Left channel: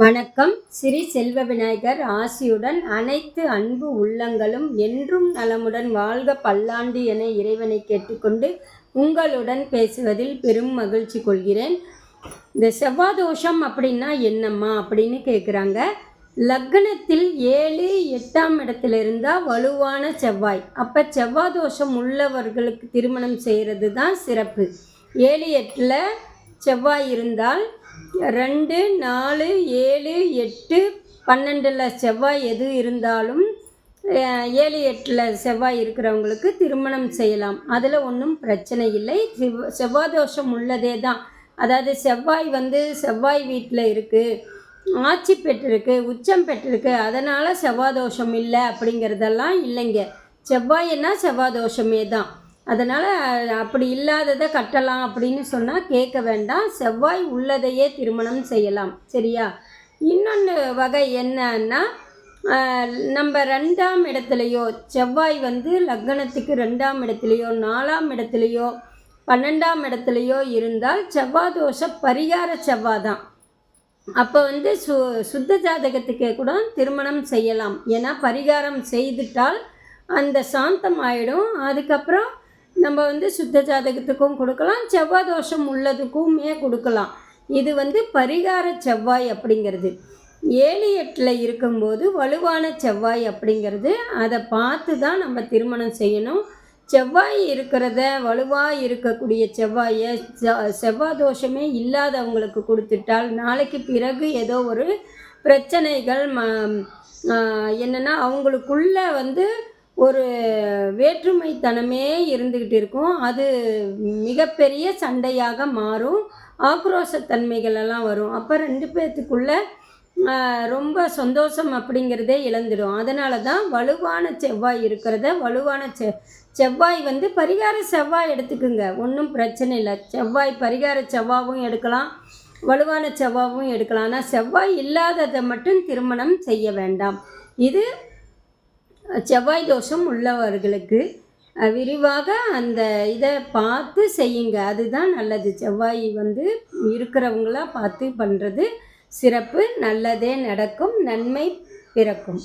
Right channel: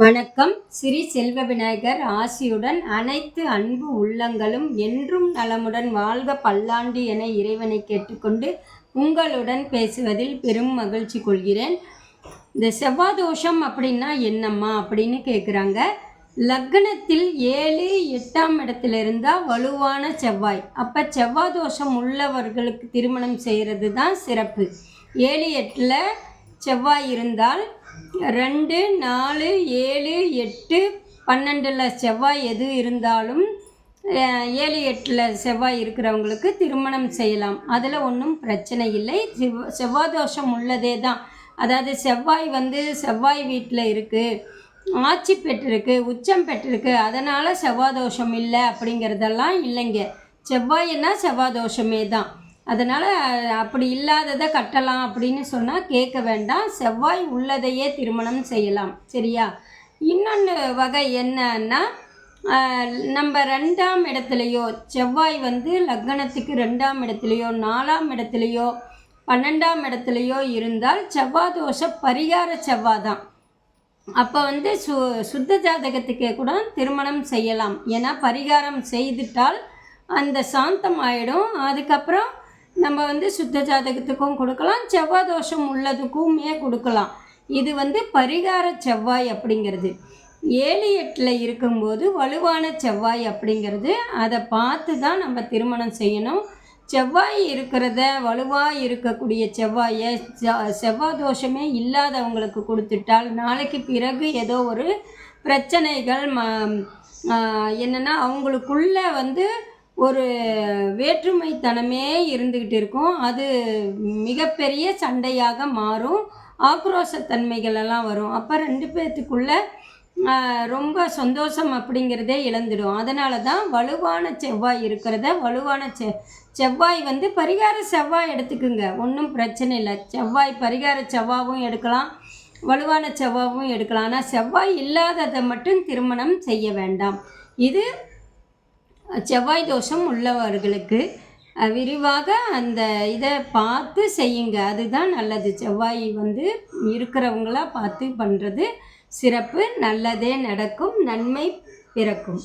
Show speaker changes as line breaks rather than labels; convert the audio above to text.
வணக்கம். ஸ்ரீ செல்வ விநாயகர் ஆசியுடன் அனைத்து அன்பு உள்ளங்களும் என்றும் நலமுடன் வாழ்க பல்லாண்டு என இறைவனை கேட்டுக்கொண்டு உங்களுடன் பேசுவதில் பெரும் மகிழ்ச்சி கொள்கிறேன். இந்த செவ்வாதோஷம் அப்படின்னா என்னம்மா அப்படின்னு கேட்குறாங்க லக்னத்தில் ஏழு எட்டாம் இடத்துல இருந்தால் வலுவான செவ்வாய். அப்போ செவ்வாதோஷம் உள்ளவர்களுக்கு திருமணம் செய்கிறது தான் சிறப்பு. ஏழு எட்டில் செவ்வாய் இருந்தால் ரெண்டு நாலு ஏழு எட்டு பன்னெண்டில் செவ்வாய் எது இருந்தாலும் ஏழு எட்டில் செவ்வாய் இருக்கிறவங்களுக்கு திருமணம் செய்யலாம். அதில் ஒன்றும் பிரச்சனை இல்லை. செவ்வாய் தோஷம் உள்ளதே தான். அதாவது செவ்வாய் வந்து செவ்வாய் வீட்டில் இருக்குது ஆட்சி பெற்றிருக்கு உச்சம் பெற்றிருக்கு அதனால் செவ்வாய் தோஷம் இல்லை அப்படிங்கிறதெல்லாம் இல்லைங்க. செவ்வாய்னா செவ்வாய் தோஷமே தான். அதனால் அப்படி இல்லாததை கட்டலாம் அப்படின்னு சொன்னால் கேட்க வேண்டாம். செவ்வாய் உள்ளதையே திருமணம் செய்யலாம். சரியா? இன்னொன்று வகை என்னன்னா நம்ம ரெண்டாம் இடத்துலையோ செவ்வாய் வந்து லக்னத்துக்கு ரெண்டாம் இடத்துலையோ நாலாம் இடத்துலையோ பன்னெண்டாம் இடத்துலையோ இருந்தால் செவ்வாய் தோஷ பரிகார செவ்வாய் தான். அப்போ வந்து சு சுத்த ஜாதகத்துக்கே கூட திருமணம் செய்யலாம். ஏன்னா பரிகாரம் செய்துட்டால் அந்த சாந்தம் ஆகிடும் அதுக்கப்புறம் நம்ம வந்து சுத்த ஜாதகத்துக்கும் கொடுக்கலாம் செவ்வாய் தோஷம் உள்ளதுக்குமே கொடுக்கலாம். இது வந்து பரிகார செவ்வாய் அப்படிங்கிறது. ஏழு எட்டில் இருக்கும்போது வலுவான செவ்வாய் அப்படிங்கிறது. அதை பார்த்து தான் நம்ம திருமணம் செய்யணும். செவ்வாய் இருக்கிறத வலுவாக இருக்கக்கூடிய செவ்வாயை செவ்வாய் தோஷமே இல்லாதவங்களுக்கு கொடுத்துட்டால் நாளைக்கு பிறகு ஏதோ ஒரு பிரச்சனைகள் ம என்னென்னா அவங்களுக்குள்ள வந்து ஒரு வேற்றுமைத்தனமே இருந்துக்கிட்டு இருக்கும். அது மிகப்பெரிய சண்டையாக மாறும். ஆக்ரோஷத்தன்மைகள் எல்லாம் வரும். அப்போ ரெண்டு பேர்த்துக்குள்ள ரொம்ப சந்தோஷம் அப்படிங்கிறதே இழந்துடும். அதனால தான் வலுவான செவ்வாய் இருக்கிறத வலுவான செ செவ்வாய் வந்து பரிகார செவ்வாய் எடுத்துக்குங்க. ஒன்றும் பிரச்சனை இல்லை. செவ்வாய் பரிகார செவ்வாவும் எடுக்கலாம். வலுவான செவ்வாவும் எடுக்கலாம். ஆனால் செவ்வாய் இல்லாததை மட்டும் திருமணம் செய்ய வேண்டாம். இது செவ்வாய் தோஷம் உள்ளவர்களுக்கு விரிவாக அந்த இதை பார்த்து செய்யுங்க. அதுதான் நல்லது. செவ்வாய் வந்து இருக்கிறவங்களாக பார்த்து பண்ணுறது சிறப்பு. நல்லதே நடக்கும். நன்மை பிறக்கும்.